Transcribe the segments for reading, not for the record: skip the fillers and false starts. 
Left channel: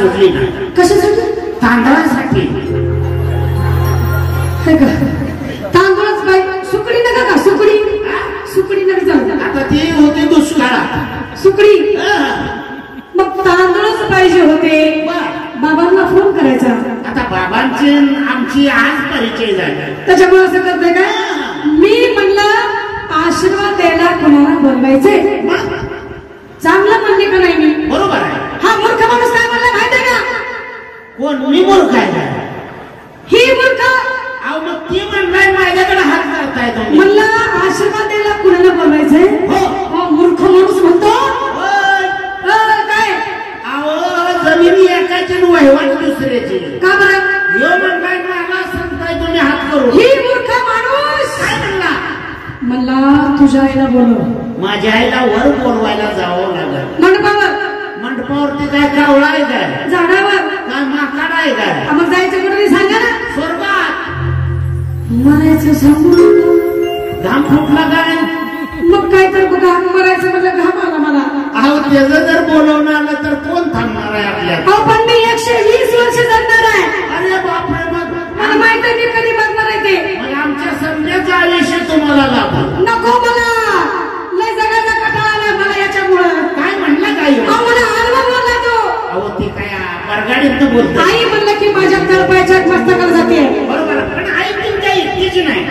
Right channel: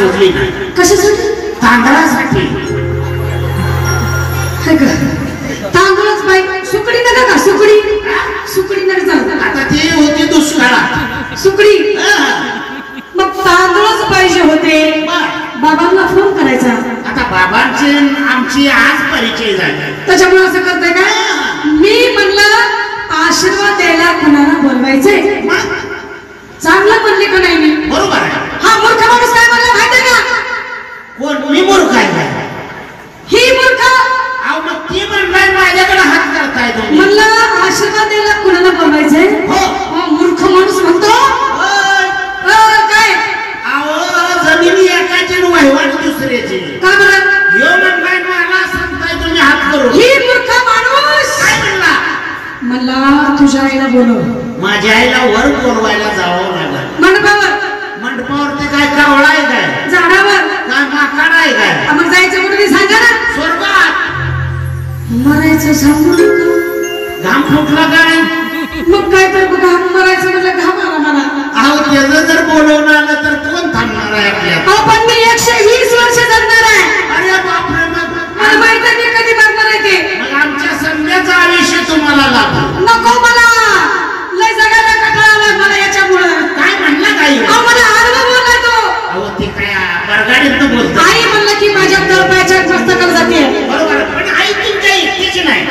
सोडली ना. कशासाठी? तांदळासाठी. तांदूळच पाहिजे. सुकडी नका का? सुकडी सुकडी नका जाऊ. आता ती होती दुष्काळात सुकडी. मग तांदूळच पाहिजे होते. बाबांना फोन करायचा. आता बाबांची आमची आज परिचय झाला. त्याच्यामुळे असं करते काय? मी म्हणलं आशीर्वाद द्यायला कुणाला बोलवायचंय. चांगलं म्हणले का नाही मी? बरोबर आहे. हा मूर्ख माणूस काय म्हणला माहिती का? कोण? मी मूर्ख आहे का? ही मूर्ख. अहो मग ती म्हणलाय माझ्याकडे हात करताय तुम्ही. म्हणलं आशीर्वाद द्यायला कुणाला बोलवायचंय. हो मूर्ख माणूस म्हणतो. काय? अहो जमिनी एकाची वहिवाट दुसऱ्याची. का बरं? ह्यो म्हणलाय मला सांगताय तुम्ही हात करू. ही मूर्ख माणूस काय म्हणला? मला तुझ्या आईला बोलव. माझ्या आईला वर बोलवायला जावं लागलं. मंडपावर. मंडपावरती काय कावळा आहे काय? झाडावर. काय माकाड आहे काय? मग जायचं कुठे सांगा ना. स्वर्गात. मरायचं सांगू नका. घाम फुटला काय? मग काय तर घाम मरायचं म्हणजे घाम आला मला. अहो त्याचं जर बोलवणं आलं तर कोण थांबणार आहे आपल्याला? अहो पण मी 120 वर्ष जगणार आहे. अरे बापरे. मग मला माहित आहे मी कधी बघणार आहे ते. मग आमच्या संध्याचं आयुष्य तुम्हाला लाभलं. नको मला. लय जगायला कंटाळा आला मला याच्यामुळं. काय म्हणलं काही? अहो मला आडवा बोलला तो. अहो ते काय बरगाडीत बोलतो. आई म्हणलं की माझ्या तळपायाच्या मस्तकाला जाते. बरोबर. पण आई तुमच्या इतकीच नाही.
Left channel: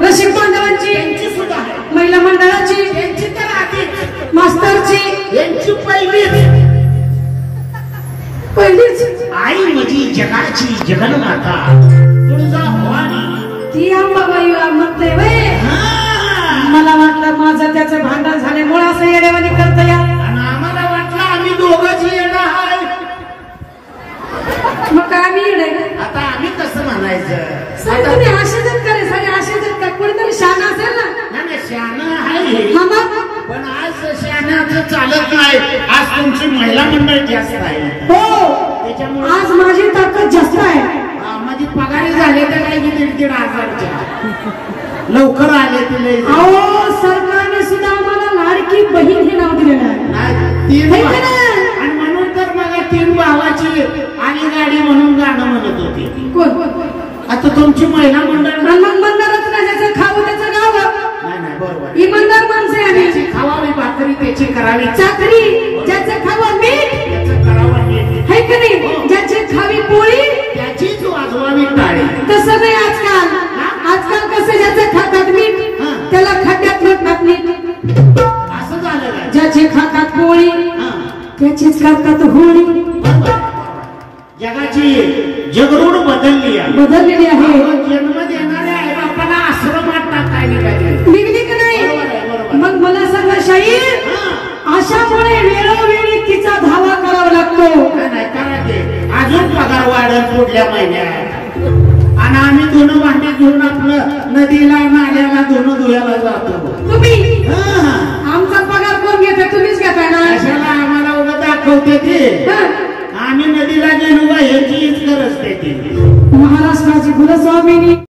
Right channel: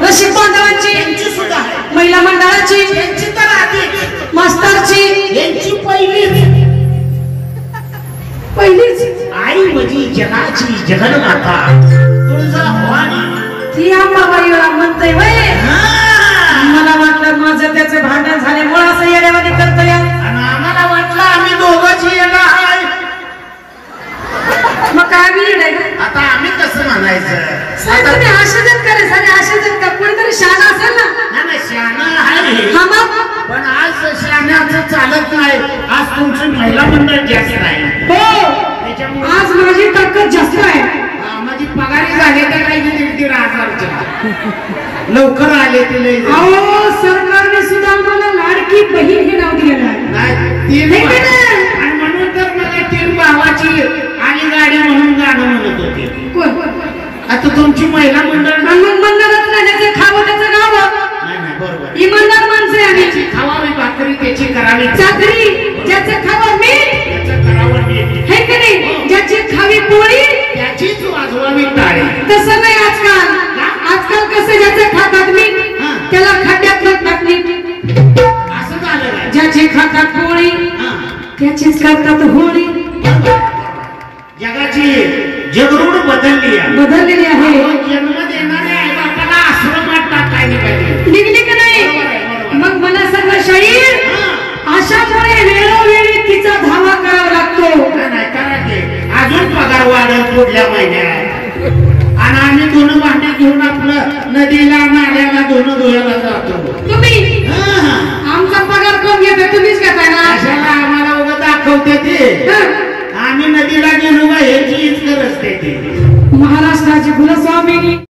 रसिक बांधवांची. यांची सुद्धा आहे. महिला मंडळाची. यांची तर आधीच. मास्तरची. यांची पहिलीच. आई म्हणजे जगाची जगन्माता तुळजाभवानी. ती अंबाबाईला म्हणते बाई. मला वाटलं माझं त्याचं भांडण झाल्यामुळे असं येडेवाणी करतोय. आणि आम्हाला वाटलं आम्ही दोघंच येणं आहे. मग काय आम्ही येडे का? आता आम्ही कसं म्हणायचं? तुम्ही आशाजत करे सारे आशाजत का? कोणतरी शहाणा असेल ना. नाही शहाणं आहे. हा मग. पण आज शहाण्याचं चालत नाही. आज तुमची महिला मंडळ जास्त आहे. हो त्याच्यामुळे आज माझी ताकद जास्त आहे. माझी पगारी झाली तर काही 1,500 लवकर आले तिला. अहो सरकारने सुद्धा आम्हाला लाडकी बहीण हे नाव दिलेलं आहे. आणि म्हणून तर मला 3 भावाची आणि गाडी म्हणून गाणं म्हणत होते. कोण? आता तुमची महिला मंडळ. मग म्हणणारच ना ज्याचे खावं त्याचं गावं. नाही बरोबर. इमानदार माणसे आम्ही. खावावी भाकरी त्याची करावी चाकरी. ज्याचे खावं मीठ त्याचं करावं नीट. हे की नाही? ज्याची खावी पोळी त्याचीच वाजवावी टाळी. तसं नाही आजकाल. आजकाल कसं ज्याचे खातात मीठ त्याला खड्ड्यात टाकली. असं झालं. ज्याचे खातात पोळी त्याचीच करतात होळी. जगाची जगरूड बदललेली आहे. जन्म देणाऱ्या आई बापाला आश्रमात टाकाय निघली का नाही? मग मला सगळं शाहीर अशामुळे वेळोवेळी तिचा धावा करावा लागतो. नाही करा की अजून पगार वाढत पुढल्या महिन्यात. आणि आम्ही धुणं भांडी घेऊन आपलं नदीला नाल्याला धुणं धुवायला जातो. तुम्ही आमचा पगार कोण घेतो? तुम्हीच घेताय ना. अशाला आम्हाला उगं दाखवते ते. आम्ही नदीला गेलो का ह्याची गरज ते. महाराष्ट्राची कुलस्वामिनी.